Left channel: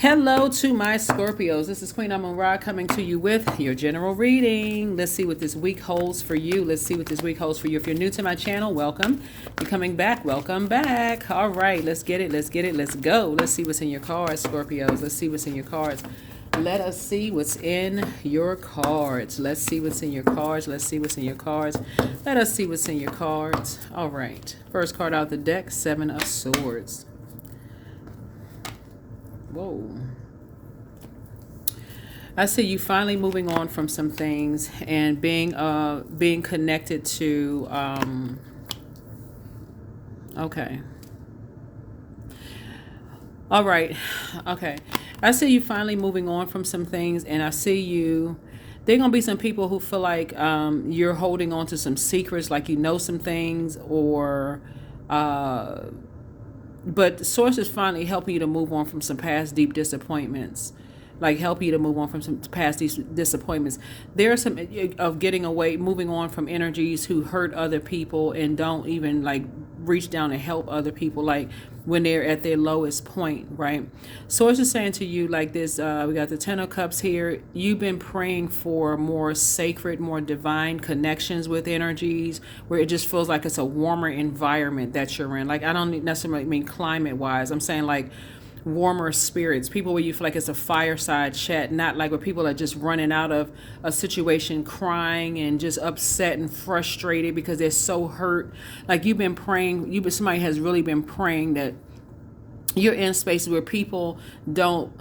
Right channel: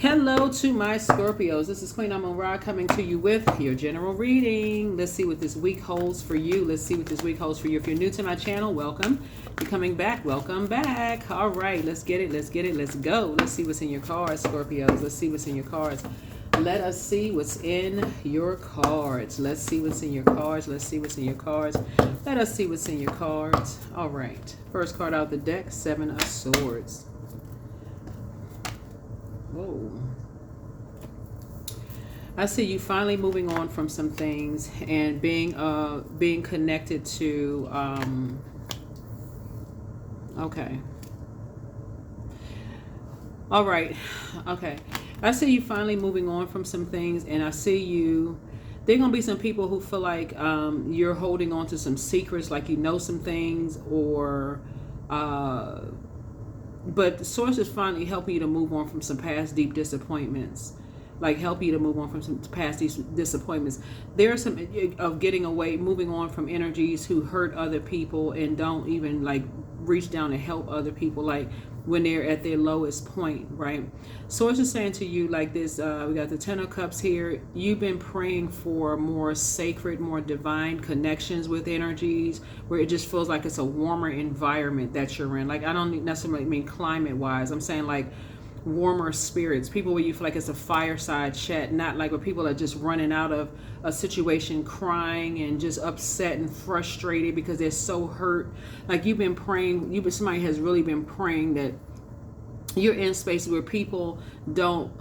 Hello to my Scorpios. This is Queen Amun Ra coming to you with your general reading. Let's see what this week holds for you. Let's see what this week holds for you. If you're new to my channel, welcome. If you're coming back, welcome back. All right, let's get it. Let's get it. Let's go. Let's see what's in your cards, Scorpios. Let's see what's in your cards. Let us see what's in your cards. Let's see what's in your cards. Let's see what's in your cards. Let us see what's in your cards. All right. First card out of the deck, Seven of Swords. Whoa. I see you finally moving on from some things and being connected to okay. All right. Okay. I see you finally moving on from some things, and I see you there are going to be some people who feel like you're holding on to some secrets, like you know some things, or but the source is finally helping you to move on from some past deep disappointments, like help you to move on from some past disappointments. There are some of getting away, moving on from energies who hurt other people and don't even like reach down and help other people, like when they're at their lowest point, right? Source is saying to you like this, we got the Ten of Cups here. You've been praying for more sacred, more divine connections with energies where it just feels like it's a warmer environment that you're in. Like, I don't necessarily mean climate wise. I'm saying like warmer spirits, people where you feel like it's a fireside chat, not like where people are just running out of a situation crying and just upset and frustrated because they're so hurt. Like you've been praying, somebody has really been praying that you're in spaces where people don't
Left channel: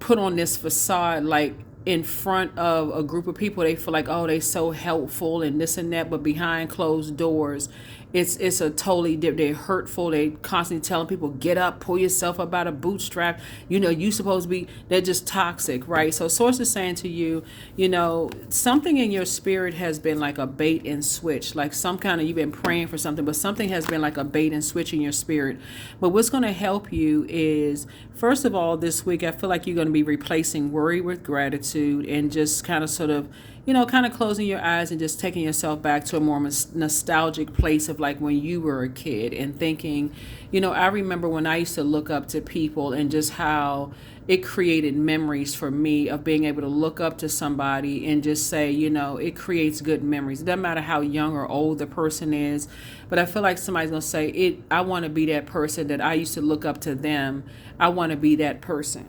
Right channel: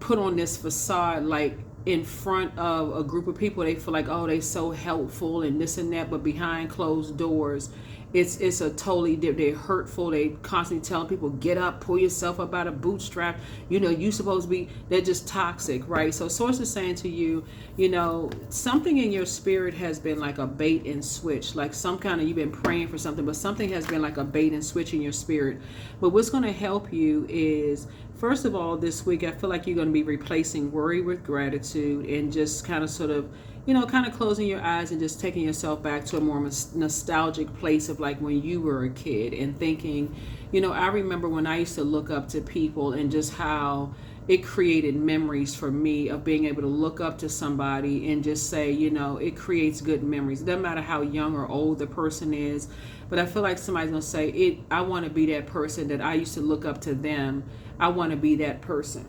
put on this facade like in front of a group of people. They feel like, oh, they so helpful and this and that, but behind closed doors it's a totally different. They're hurtful. They constantly telling people, get up, pull yourself up out of bootstrap. You know, you supposed to be, they're just toxic, right? So source is saying to you, you know, something in your spirit has been like a bait and switch, like some kind of, you've been praying for something, but something has been like a bait and switch in your spirit. But what's going to help you is, first of all, this week, I feel like you're going to be replacing worry with gratitude and just kind of sort of, you know, kind of closing your eyes and just taking yourself back to a more nostalgic place of like when you were a kid and thinking, you know, I remember when I used to look up to people and just how it created memories for me of being able to look up to somebody and just say, you know, it creates good memories. It doesn't matter how young or old the person is, but I feel like somebody's going to say, I want to be that person that I used to look up to them. I want to be that person.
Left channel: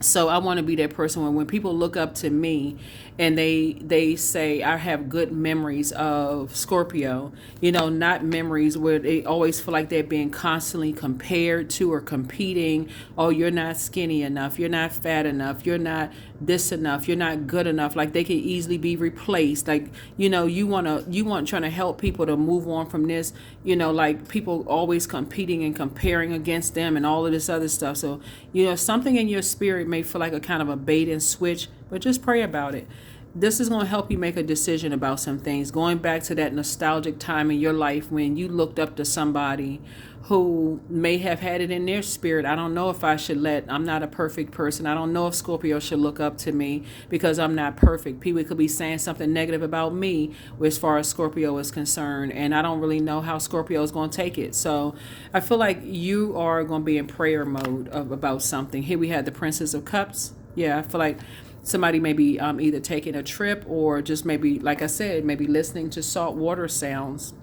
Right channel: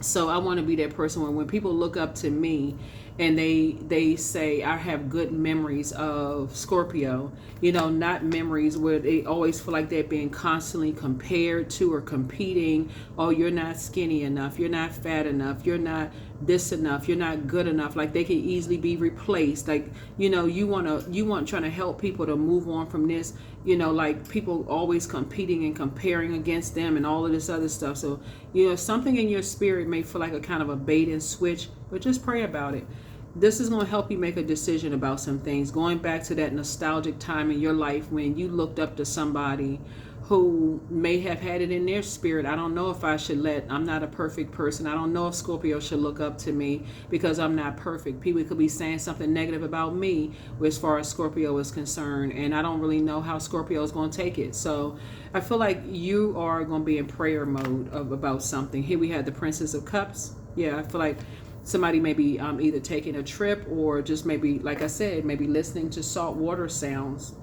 So I want to be that person when people look up to me and they say I have good memories of Scorpio, you know, not memories where they always feel like they're being constantly compared to or competing. Oh, you're not skinny enough, you're not fat enough, you're not this enough, you're not good enough. Like they can easily be replaced. Like, you know, you want trying to help people to move on from this, you know, like people always competing and comparing against them and all of this other stuff. So, you know, something in your spirit may feel like a kind of a bait and switch, but just pray about it. This is going to help you make a decision about some things, going back to that nostalgic time in your life when you looked up to somebody who may have had it in their spirit. I don't know if I'm not a perfect person. I don't know if Scorpio should look up to me because I'm not perfect. People could be saying something negative about me as far as Scorpio is concerned, and I don't really know how Scorpio is going to take it. So I feel like you are going to be in prayer mode about something. Here we have the Princess of Cups. Yeah, I feel like somebody may be either taking a trip or just maybe, like I said, maybe listening to saltwater sounds,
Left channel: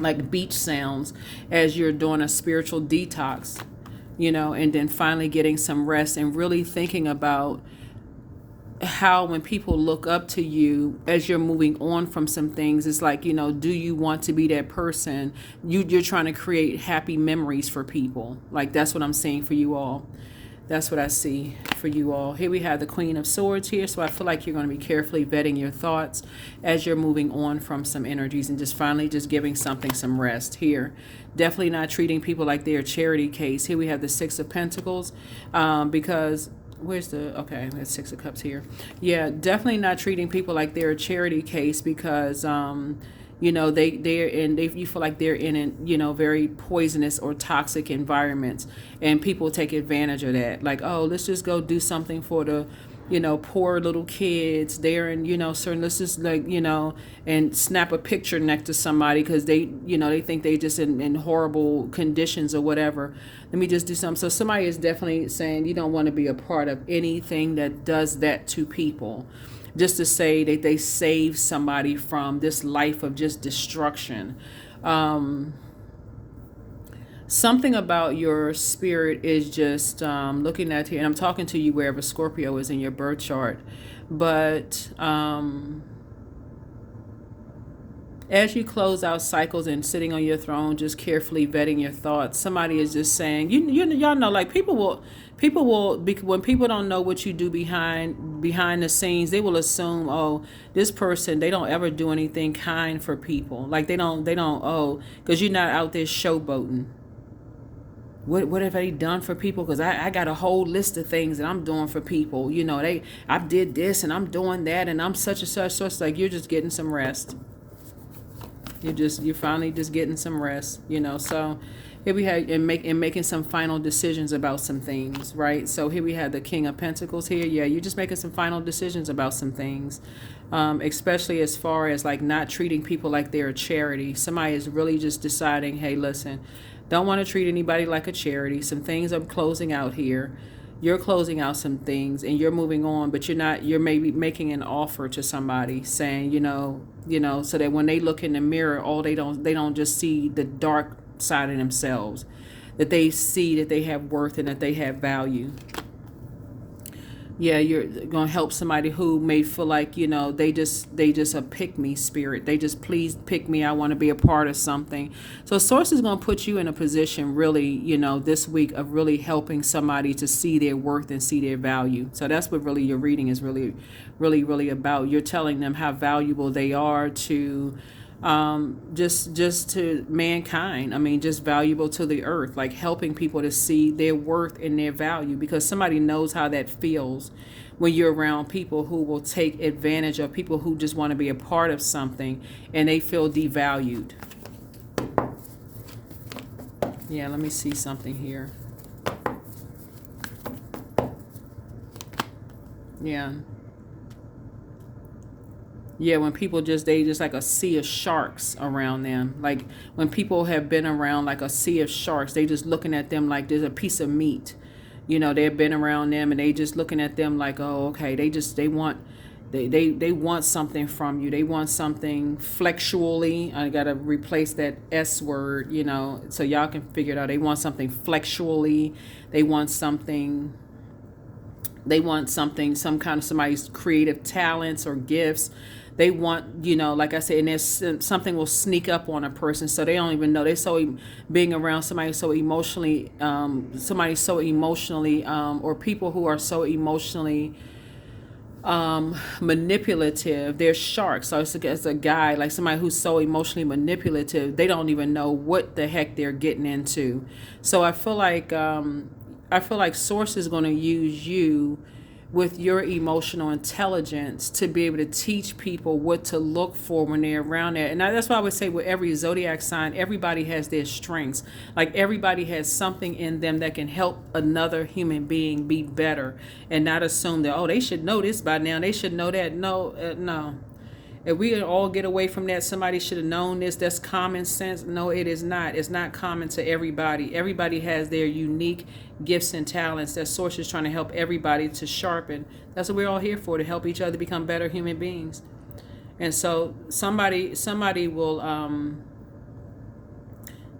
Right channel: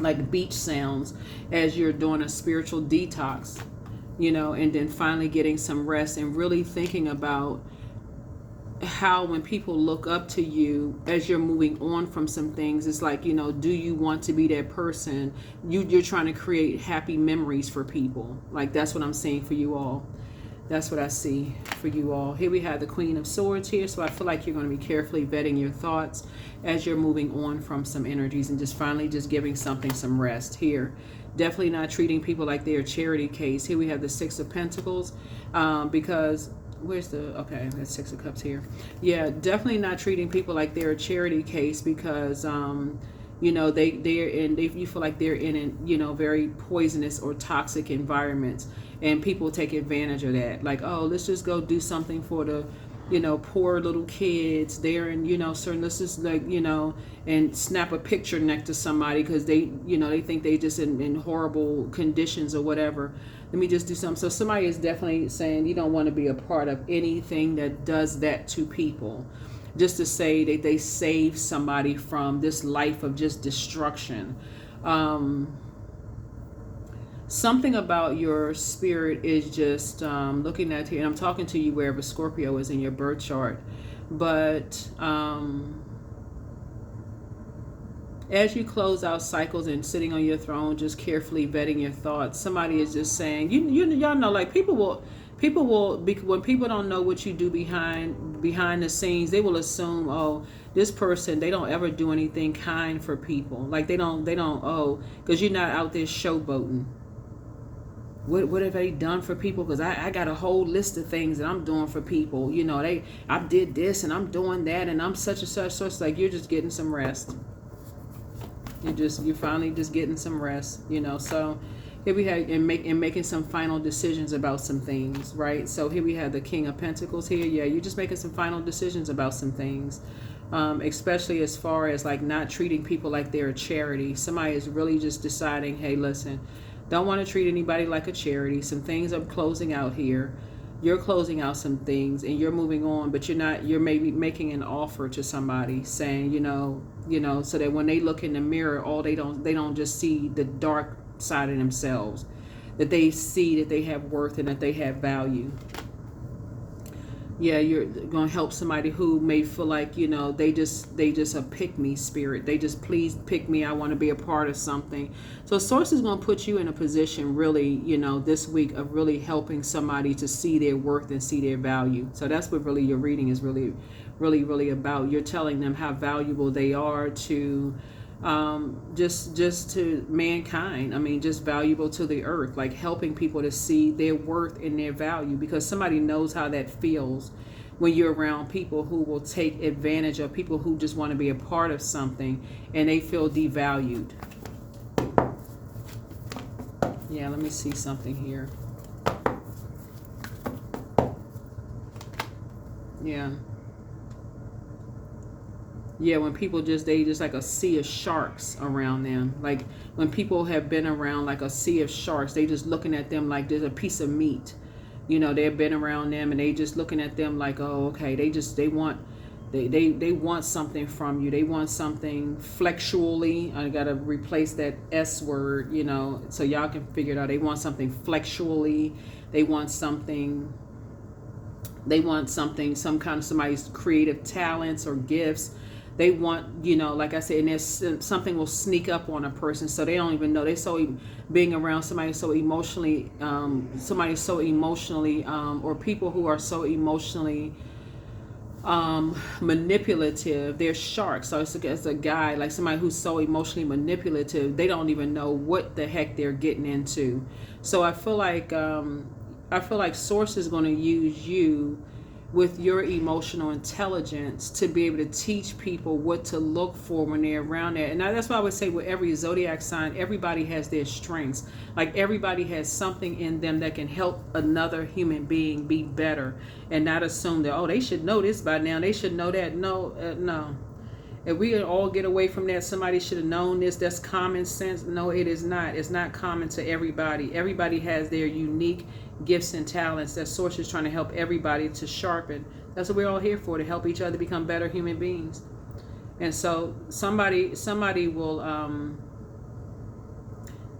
like beach sounds, as you're doing a spiritual detox, you know, and then finally getting some rest and really thinking about how when people look up to you as you're moving on from some things, it's like, you know, do you want to be that person? You're trying to create happy memories for people. Like that's what I'm saying for you all. That's what I see for you all. Here we have the Queen of Swords here. So I feel like you're going to be carefully vetting your thoughts as you're moving on from some energies and just finally just giving something some rest here. Definitely not treating people like they're a charity case. Here we have the Six of Pentacles because where's the, okay, that's Six of Cups here. Yeah, definitely not treating people like they're a charity case because you know, you feel like they're in, you know, very poisonous or toxic environments, and people take advantage of that. Like, oh, let's just go do something for the poor little kids there, and certain, let's just like, and snap a picture next to somebody because they think they just in horrible conditions or whatever. Let me just do something. So somebody is definitely saying you don't want to be a part of anything that does that to people, just to say that they save somebody from this life of just destruction. Something about your spirit is just looking at here, and I'm talking to you wherever Scorpio is in your birth chart, but as you close out cycles and sitting on your throne, just carefully vetting your thoughts, somebody is just saying, y'all know, like people will when people don't know what you do behind the scenes, they will assume, oh, this person, they don't ever do anything kind for people, like they don't oh, because you're not out there showboating. What have they done for people? Because I got a whole list of things that I'm doing for people. I did this and I'm doing that and I'm such and such. So it's like you're just getting some rest. You're finally just getting some rest. So here we have and making some final decisions about some things, right? So here we have the King of Pentacles here. Yeah, you're just making some final decisions about some things, especially as far as like not treating people like they're a charity. Somebody is really just deciding, hey, listen. Don't want to treat anybody like a charity. Some things I'm closing out here. You're closing out some things and you're moving on, but you're maybe making an offer to somebody saying, so that when they look in the mirror, they don't just see the dark side of themselves, that they see that they have worth and that they have value. Yeah, you're going to help somebody who may feel like, they just a pick me spirit. They just, please pick me. I want to be a part of something. So Source is going to put you in a position really, this week of really helping somebody to see their worth and see their value. So that's what really your reading is really, really, really about. You're telling them how valuable they are to just to mankind. I mean, just valuable to the earth, like helping people to see their worth and their value, because somebody knows how that feels when you're around people who will take advantage of people who just want to be a part of something and they feel devalued. Yeah, let me see something here. Yeah, when people they just like a sea of sharks around them. Like when people have been around like a sea of sharks, they just looking at them like there's a piece of meat. They've been around them and they just looking at them like, oh, okay, they want something from you. They want something flexually. I gotta replace that S word, so y'all can figure it out. They want something flexually. They want something, some kind of somebody's creative talents or gifts. They want, like I said, and there's something will sneak up on a person, so they don't even know. They're so being around somebody so emotionally, or people who are so emotionally manipulative. They're sharks. So it's a guy, like somebody who's so emotionally manipulative, they don't even know what the heck they're getting into. So I feel like Source is going to use you with your emotional intelligence to be able to teach people what to look for when they're around that. And that's why I would say with every zodiac sign, everybody has their strengths. Like everybody has something in them that can help another human being be better, and not assume that, oh, they should know this by now, they should know that. No. If we could all get away from that, somebody should have known this, that's common sense. No, it is not. It's not common to everybody. Everybody has their unique gifts and talents that Source is trying to help everybody to sharpen. That's what we're all here for, to help each other become better human beings. And so somebody will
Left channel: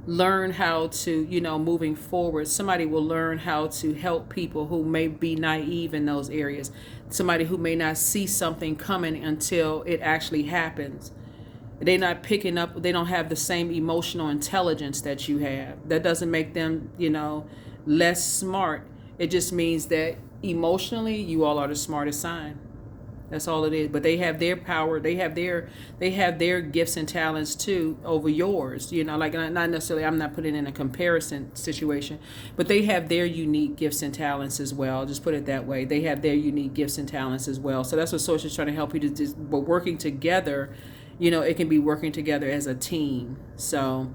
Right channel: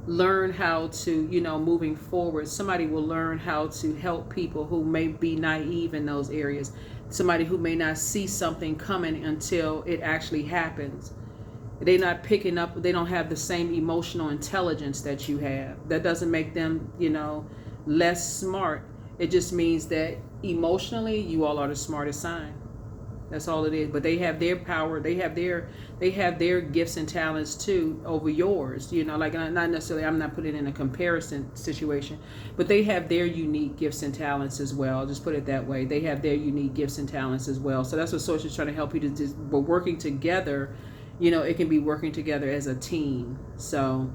learn how to, moving forward, somebody will learn how to help people who may be naive in those areas. Somebody who may not see something coming until it actually happens. They're not picking up, they don't have the same emotional intelligence that you have. That doesn't make them, less smart. It just means that emotionally, you all are the smartest sign. That's all it is. But they have their power. They have their gifts and talents too over yours. Like not necessarily. I'm not putting in a comparison situation, but they have their unique gifts and talents as well. Just put it that way. They have their unique gifts and talents as well. So that's what Source is trying to help you to do. But working together, it can be working together as a team. So,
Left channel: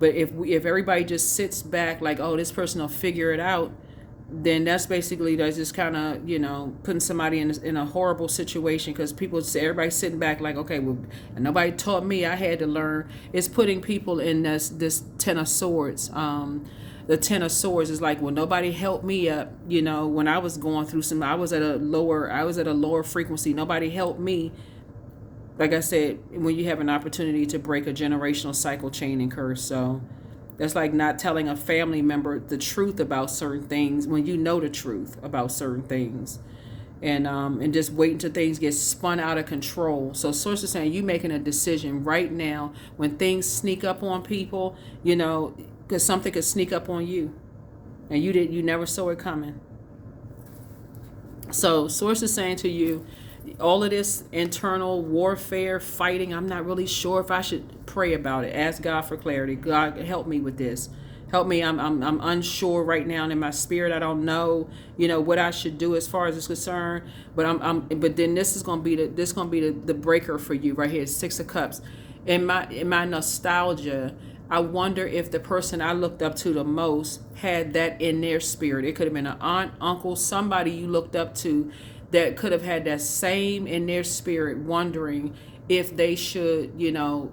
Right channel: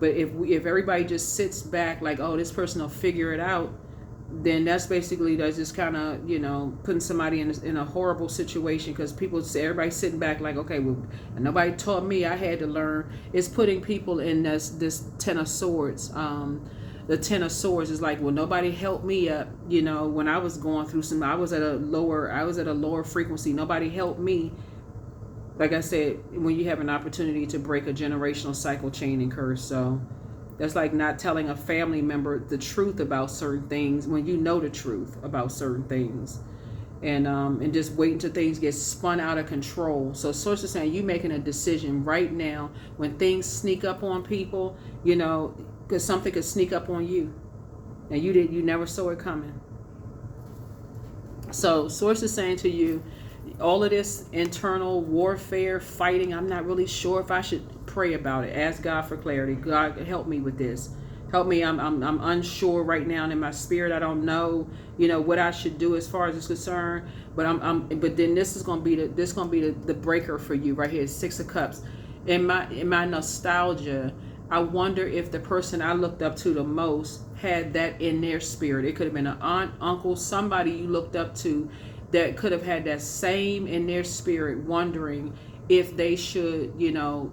but if everybody just sits back like, oh, this person will figure it out, then that's basically that's just kind of, you know, putting somebody in a horrible situation, because people say, everybody's sitting back like, okay, well, nobody taught me, I had to learn. It's putting people in this Ten of Swords. The Ten of Swords is like, well, nobody helped me up, you know, when I was going through some, I was at a lower frequency, nobody helped me. Like I said, when you have an opportunity to break a generational cycle, chain, and curse. So that's like not telling a family member the truth about certain things when you know the truth about certain things, and just waiting till things get spun out of control. So source is saying you making a decision right now when things sneak up on people, you know, because something could sneak up on you, and you never saw it coming. So source is saying to you, all of this internal warfare, fighting, I'm not really sure if I should pray about it. Ask God for clarity. God, help me with this. Help me. I'm unsure right now in my spirit. I don't know, you know, what I should do as far as it's concerned. But then this is gonna be the breaker for you right here. 6 of Cups. In my nostalgia, I wonder if the person I looked up to the most had that in their spirit. It could have been an aunt, uncle, somebody you looked up to that could have had that same in their spirit, wondering if they should, you know,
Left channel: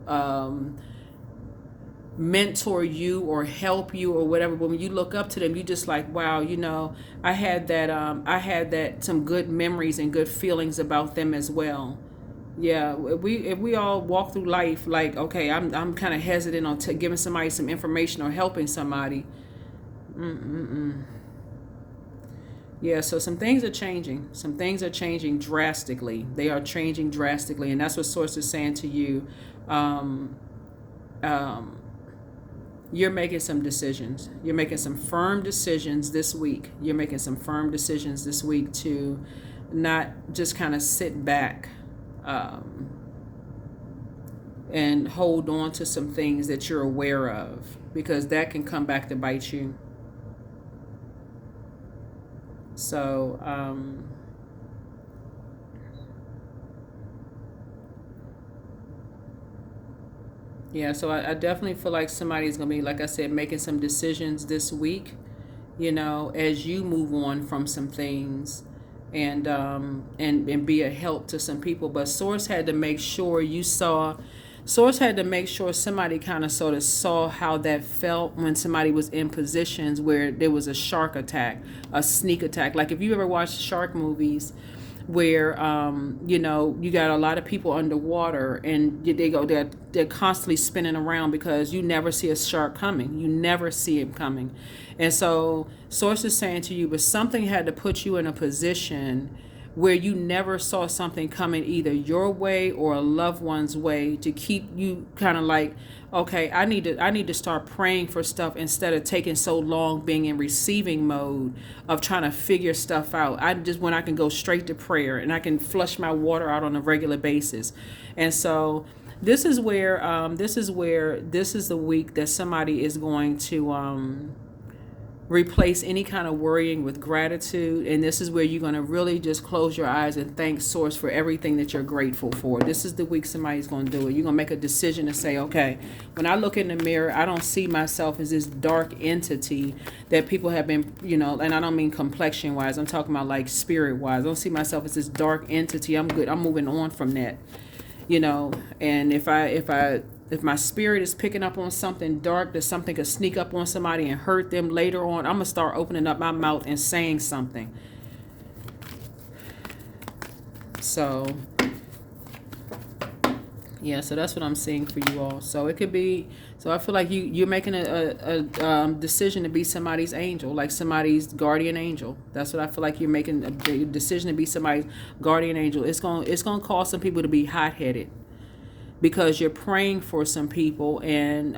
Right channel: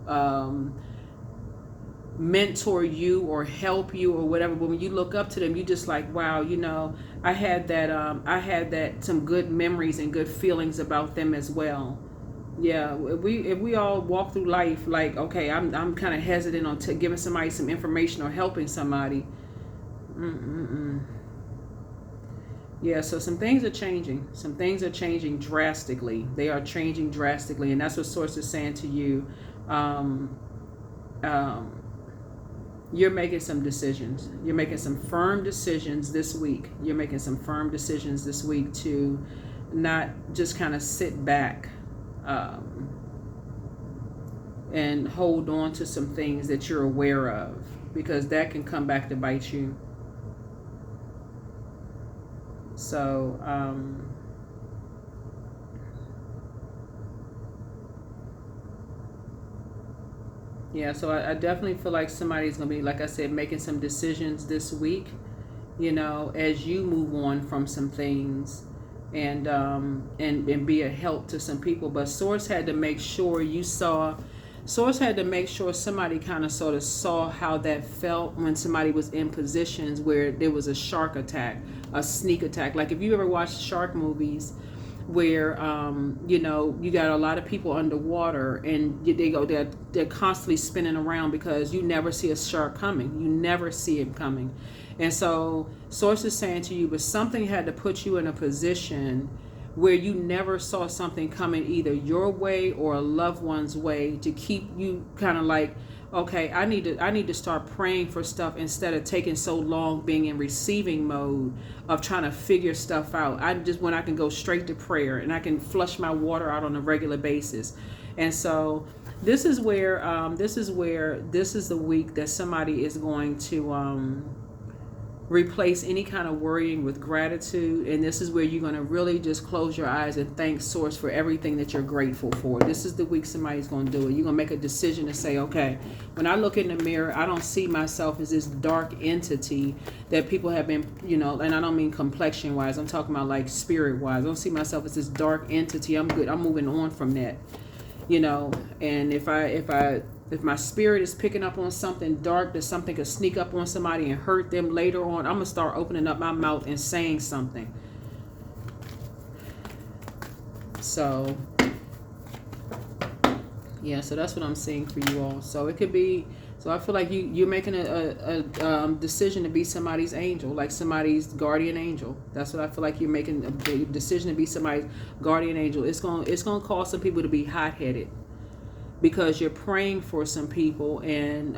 mentor you or help you or whatever. But when you look up to them, you just like, wow, you know, I had that some good memories and good feelings about them as well. Yeah, if we all walk through life like, okay, I'm kind of hesitant on giving somebody some information or helping somebody. Mm-mm-mm. Yeah, so some things are changing. Some things are changing drastically. They are changing drastically, and that's what Source is saying to you. Um, um, you're making some decisions. You're making some firm decisions this week. You're making some firm decisions this week to not just kind of sit back um, and hold on to some things that you're aware of, because that can come back to bite you. So, yeah, so I definitely feel like somebody's going to be, like I said, making some decisions this week, you know, as you move on from some things, and be a help to some people. But Source had to make sure Source had to make sure somebody kind of sort of saw how that felt when somebody was in positions where there was a shark attack, a sneak attack. Like if you ever watched shark movies where, you know, you got a lot of people underwater and they're constantly spinning around because you never see a shark coming. You never see him coming. And so Source is saying to you, but something had to put you in a position where you never saw something coming either your way or a loved one's way, to keep you kind of like, okay, I need to start praying for stuff instead of taking so long being in receiving mode of trying to figure stuff out. When I can go straight to prayer and I can flush my water out on a regular basis. And so this is the week that somebody is going to replace any kind of worrying with gratitude, and this is where you're going to really just close your eyes and thank Source for everything that you're grateful for. This is the week somebody's going to do it. You're going to make a decision to say, okay, when I look in the mirror, I don't see myself as this dark entity that people have been, you know, and I don't mean complexion wise, I'm talking about like spirit wise. I don't see myself as this dark entity. I'm good. I'm moving on from that, you know. And if my spirit is picking up on something dark, that something could sneak up on somebody and hurt them later on, I'm going to start opening up my mouth and saying something. So, yeah, so that's what I'm seeing for you all. So it could be, so I feel like you're making a decision to be somebody's angel, like somebody's guardian angel. That's what I feel like you're making, a decision to be somebody's guardian angel. It's going to cause some people to be hot-headed, because you're praying for some people, and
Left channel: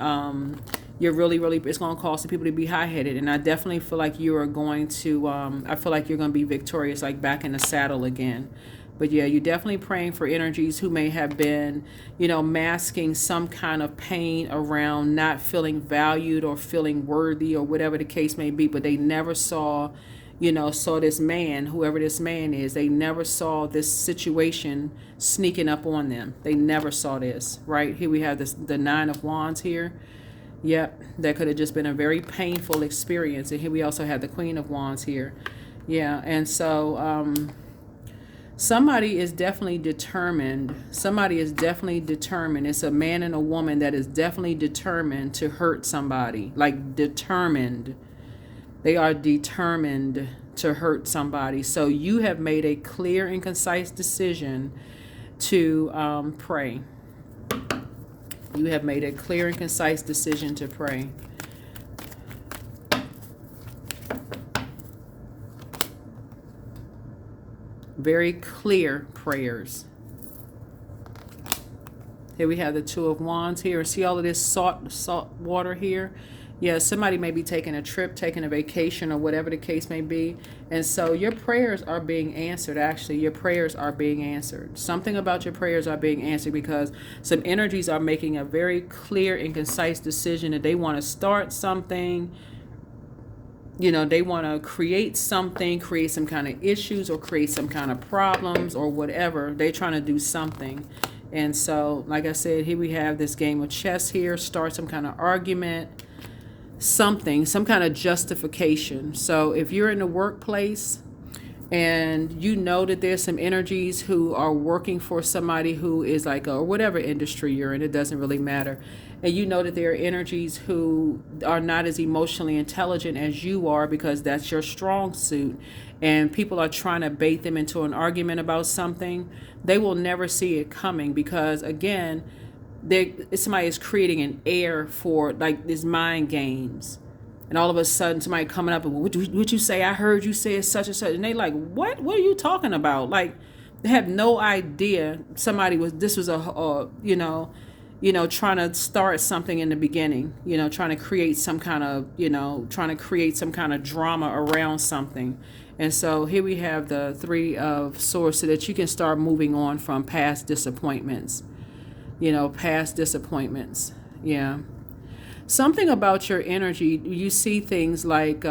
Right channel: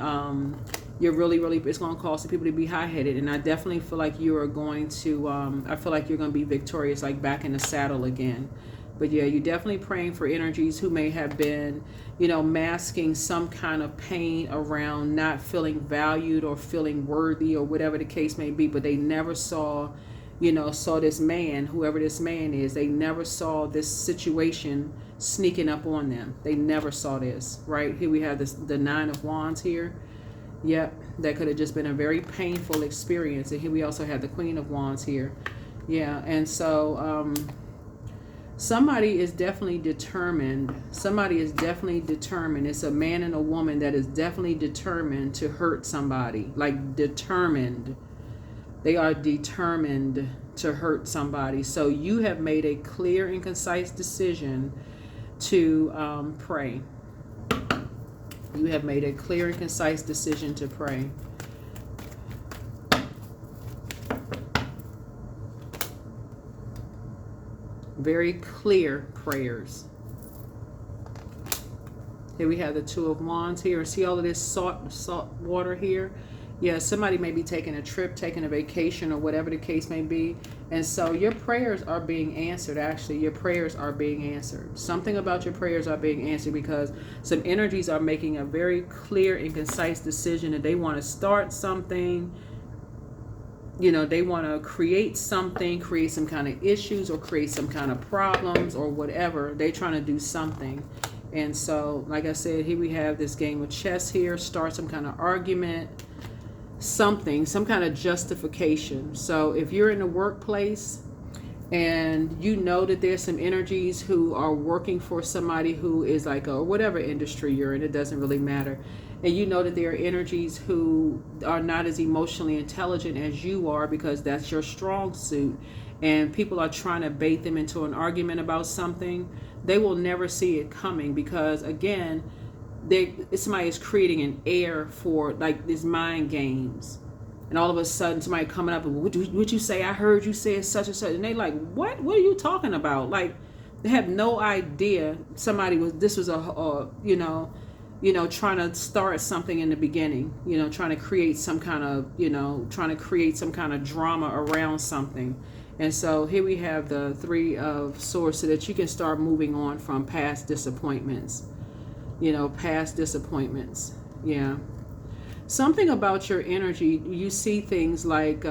you're really, it's going to cause some people to be high-headed. And I definitely feel like you are going to, I feel like you're going to be victorious, like back in the saddle again. But yeah, you're definitely praying for energies who may have been, you know, masking some kind of pain around not feeling valued or feeling worthy or whatever the case may be, but they never saw this man, whoever this man is, they never saw this situation sneaking up on them. They never saw this, right? Here we have the 9 of Wands here. Yep, that could have just been a very painful experience. And here we also have the Queen of Wands here. Yeah, and so somebody is definitely determined. Somebody is definitely determined. It's a man and a woman that is definitely determined to hurt somebody. Like determined. They are determined to hurt somebody. So you have made a clear and concise decision to pray. You have made a clear and concise decision to pray. Very clear prayers. Here we have the Two of Wands here. See all of this salt water here? Yeah, somebody may be taking a trip, taking a vacation, or whatever the case may be. And so your prayers are being answered. Actually, your prayers are being answered. Something about your prayers are being answered because some energies are making a very clear and concise decision that they want to start something. You know, they want to create something, create some kind of issues or create some kind of problems or whatever. They're trying to do something. And so, like I said, here we have this game of chess here. Start some kind of argument. Something, some kind of justification. So if you're in the workplace and you know that there's some energies who are working for somebody who is like, or whatever industry you're in, it doesn't really matter. And you know that there are energies who are not as emotionally intelligent as you are because that's your strong suit. And people are trying to bait them into an argument about something. They will never see it coming because, again, somebody is creating an air for like these mind games, and all of a sudden somebody coming up and would you say, I heard you say such and such, and they like, what are you talking about? Like they have no idea somebody was trying to start something in the beginning, trying to create some kind of drama around something. And so here we have the Three of Swords so that you can start moving on from past disappointments. Past disappointments. Yeah. Something about your energy, you see things like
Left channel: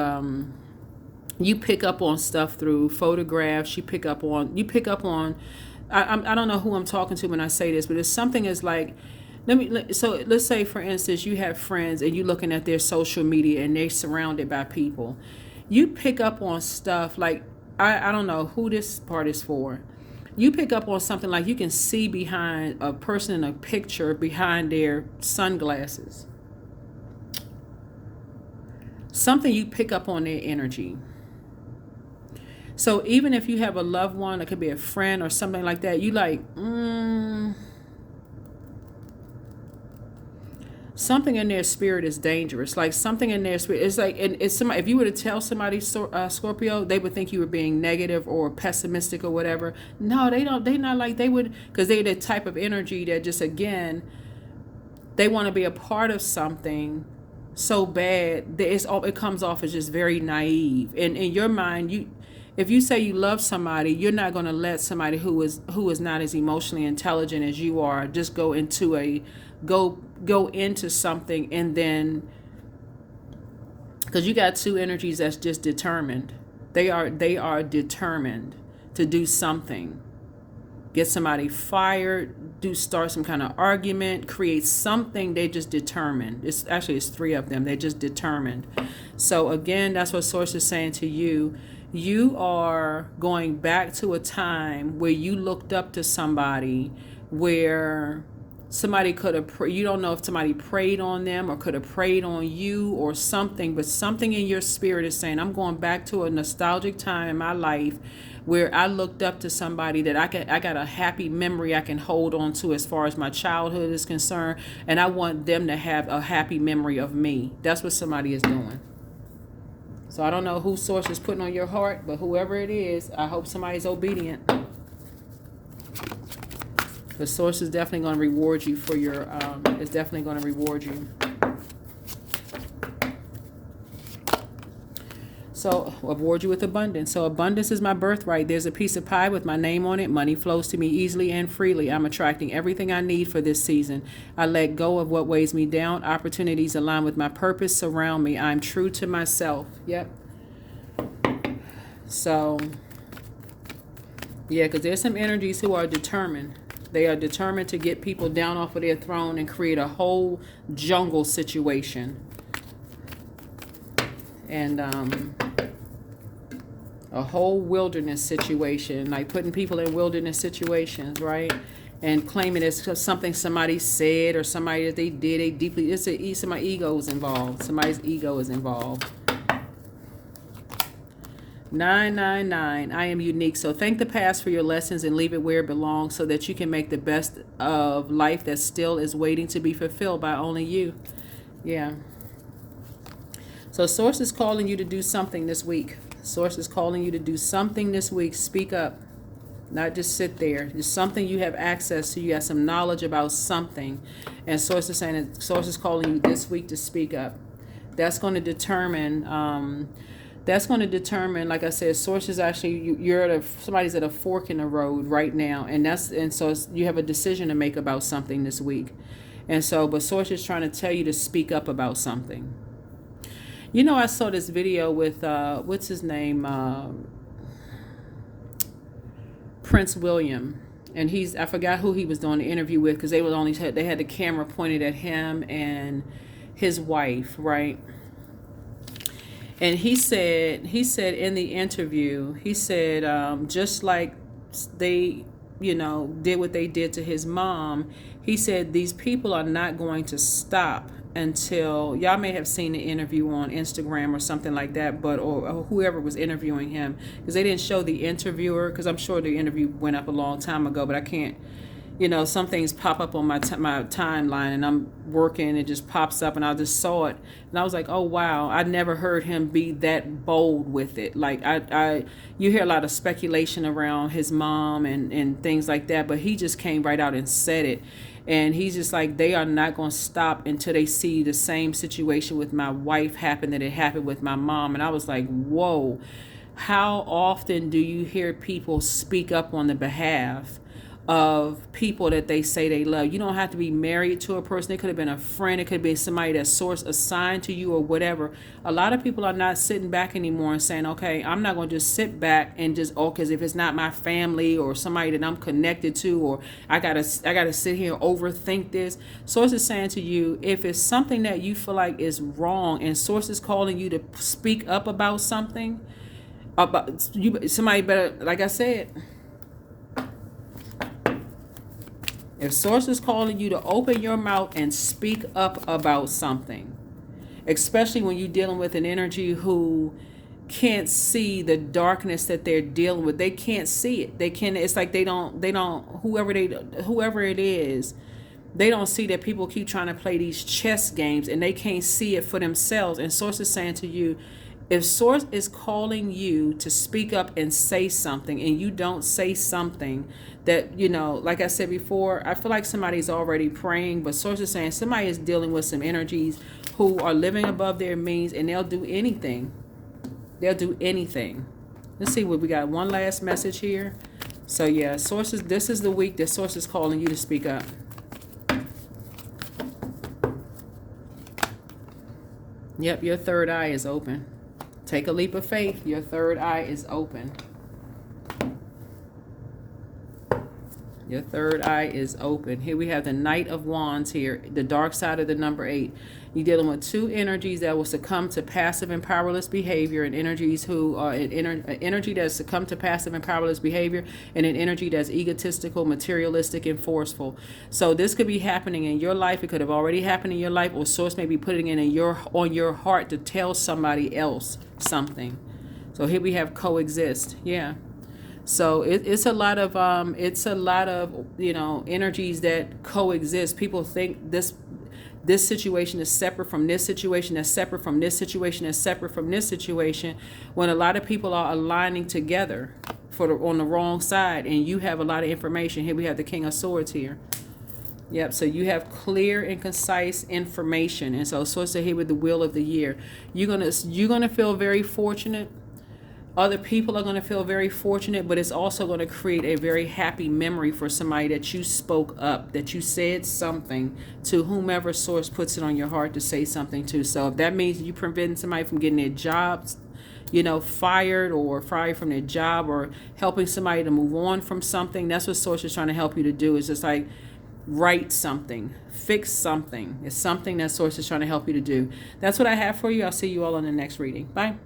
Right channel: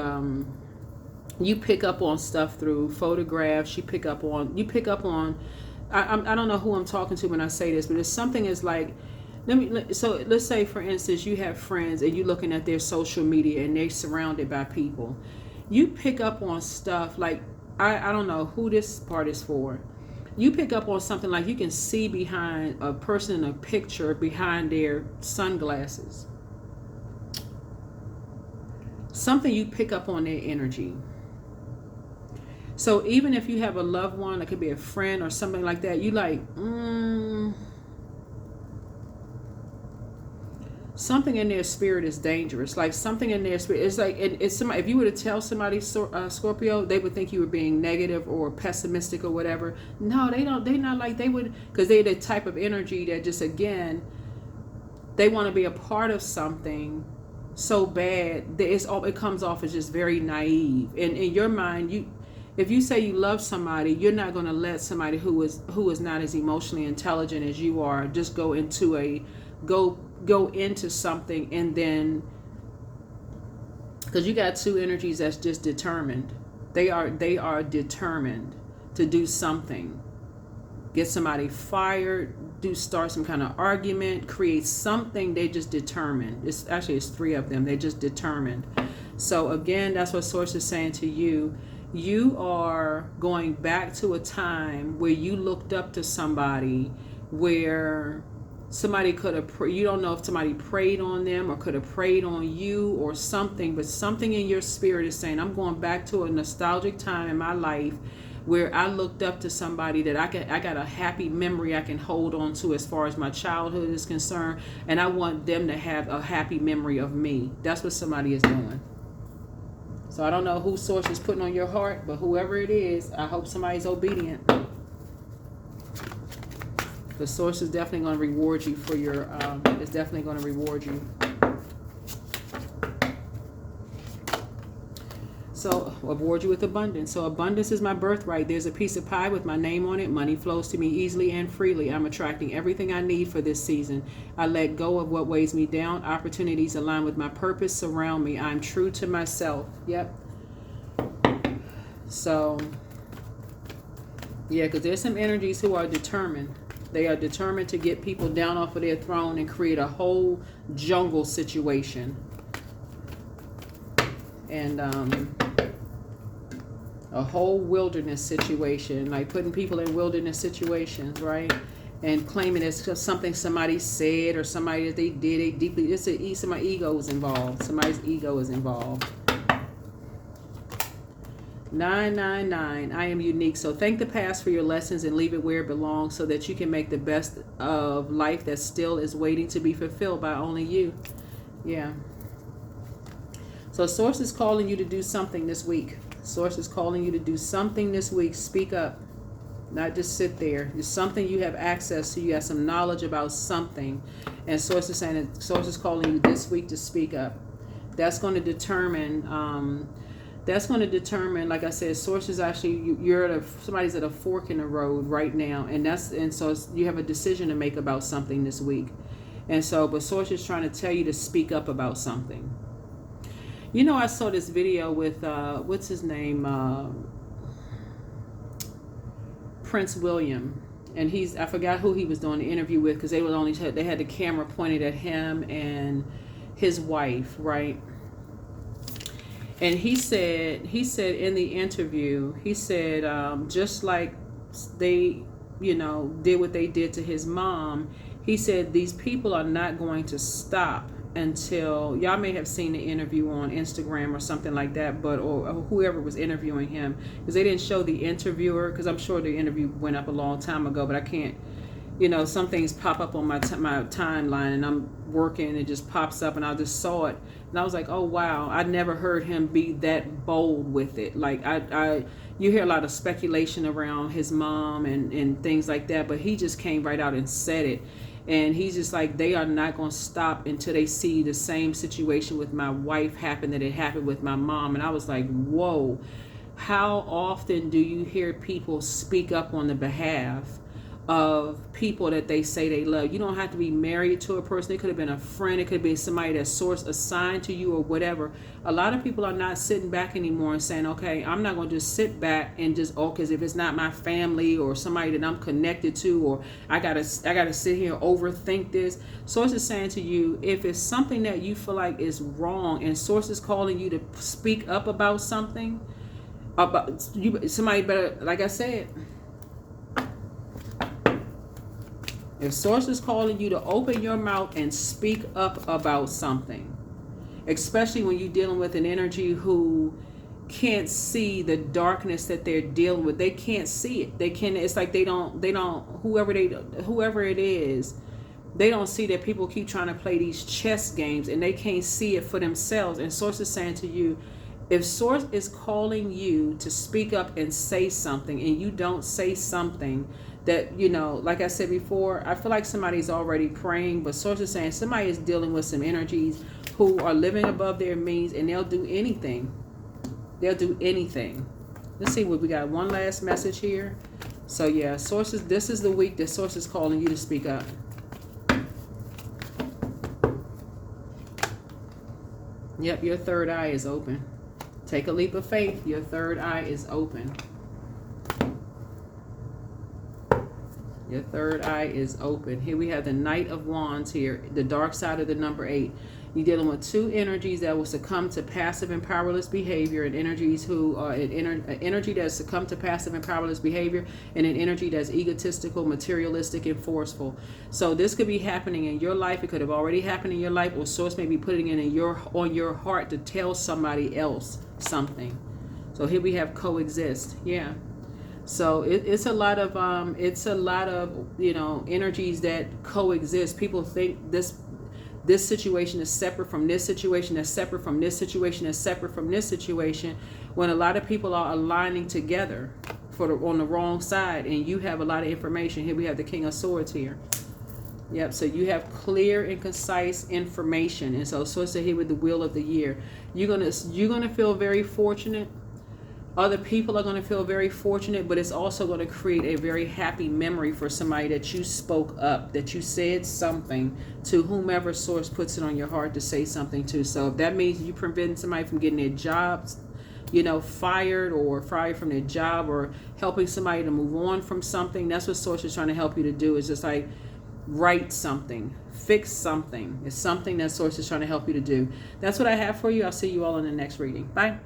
you pick up on stuff through photographs. You pick up on, I don't know who I'm talking to when I say this, but it's something is like, so let's say, for instance, you have friends and you're looking at their social media and they're surrounded by people. You pick up on stuff like, I don't know who this part is for. You pick up on something like you can see behind a person in a picture behind their sunglasses. Something you pick up on their energy. So even if you have a loved one, it could be a friend or something like that, you like, something in their spirit is dangerous. Like something in their spirit, it's like, and it's somebody, if you were to tell somebody, Scorpio, they would think you were being negative or pessimistic or whatever. No, they don't. They not like they would, because they're the type of energy that just, again, they want to be a part of something so bad that it comes off as just very naive. And in your mind, if you say you love somebody, you're not going to let somebody who is not as emotionally intelligent as you are just go into something, and then, because you got two energies that's just determined. They are determined to do something, get somebody fired, start some kind of argument, create something. They just determined. It's three of them. They just determined. So again, that's what Source is saying to you. You are going back to a time where you looked up to somebody, where somebody could have, you don't know if somebody prayed on them or could have prayed on you or something, but something in your spirit is saying, I'm going back to a nostalgic time in my life where I looked up to somebody that I got a happy memory I can hold on to as far as my childhood is concerned, and I want them to have a happy memory of me. That's what somebody is doing. So I don't know who Source is putting on your heart, but whoever it is, I hope somebody's obedient. The Source is definitely going to reward you for your, it's definitely going to reward you. So, reward you with abundance. So, abundance is my birthright. There's a piece of pie with my name on it. Money flows to me easily and freely. I'm attracting everything I need for this season. I let go of what weighs me down. Opportunities align with my purpose surround me. I'm true to myself. Yep. So, yeah, because there's some energies who are determined. They are determined to get people down off of their throne and create a whole jungle situation. And a whole wilderness situation, like putting people in wilderness situations, right? And claiming it's something somebody said or somebody that they did. They deeply, my ego is involved. Somebody's ego is involved. 999, I am unique. So thank the past for your lessons and leave it where it belongs so that you can make the best of life that still is waiting to be fulfilled by only you. Yeah. So Source is calling you to do something this week. Source is calling you to do something this week. Speak up. Not just sit there. There's something you have access to. You have some knowledge about something. And Source is saying that Source is calling you this week to speak up. That's going to determine, like I said, Source is actually, somebody's at a fork in the road right now. And so you have a decision to make about something this week. And so, but Source is trying to tell you to speak up about something. You know, I saw this video with, what's his name? Prince William. And I forgot who he was doing the interview with because they had the camera pointed at him and his wife, right? And he said in the interview, he said, just like they, did what they did to his mom, he said, these people are not going to stop until, y'all may have seen the interview on Instagram or something like that, or whoever was interviewing him, because they didn't show the interviewer, because I'm sure the interview went up a long time ago, but I can't, some things pop up on my timeline, and I'm working, it just pops up, and I just saw it, and I was like, oh wow, I never heard him be that bold with it. Like you hear a lot of speculation around his mom and things like that, but he just came right out and said it. And he's just like, they are not going to stop until they see the same situation with my wife happen that it happened with my mom. And I was like, whoa, how often do you hear people speak up on the behalf of people that they say they love? You don't have to be married to a person. It could have been a friend. It could have been somebody that Source assigned to you or whatever. A lot of people are not sitting back anymore and saying, okay, I'm not going to just sit back and just, because if it's not my family or somebody that I'm connected to, or I gotta sit here and overthink this. Source is saying to you, if it's something that you feel like is wrong and Source is calling you to speak up about something, about you, somebody better, like I said, if Source is calling you to open your mouth and speak up about something, especially when you're dealing with an energy who can't see the darkness that they're dealing with. They can't see it. It's like they don't, whoever it is, they don't see that people keep trying to play these chess games and they can't see it for themselves. And Source is saying to you, if Source is calling you to speak up and say something and you don't say something that, like I said before, I feel like somebody's already praying, but Source is saying somebody is dealing with some energies who are living above their means and they'll do anything. They'll do anything. Let's see what we got. One last message here. So yeah, Sources, this is the week that Source is calling you to speak up. Yep, your third eye is open. Take a leap of faith. Your third eye is open. Your third eye is open. Here we have the Knight of Wands here, the dark side of the number 8. You're dealing with two energies that will succumb to passive and powerless behavior, and energies who are an energy that succumb to passive and powerless behavior, and an energy that's egotistical, materialistic, and forceful. So this could be happening in your life. It could have already happened in your life, or Source may be putting it on your heart to tell somebody else something. So here we have coexist. Yeah. So it's a lot of energies that coexist. People think this situation is separate from this situation, that's separate from this situation, that's separate from this situation, when a lot of people are aligning together on the wrong side, and you have a lot of information. Here we have the King of Swords here. Yep, so you have clear and concise information. And so Source said here with the Wheel of the Year, you're gonna feel very fortunate. Other people are going to feel very fortunate, but it's also going to create a very happy memory for somebody that you spoke up, that you said something to whomever Source puts it on your heart to say something to. So if that means you preventing somebody from getting their jobs, fired from their job, or helping somebody to move on from something. That's what Source is trying to help you to do, is just like write something, fix something. It's something that Source is trying to help you to do. That's what I have for you. I'll see you all in the next reading. Bye.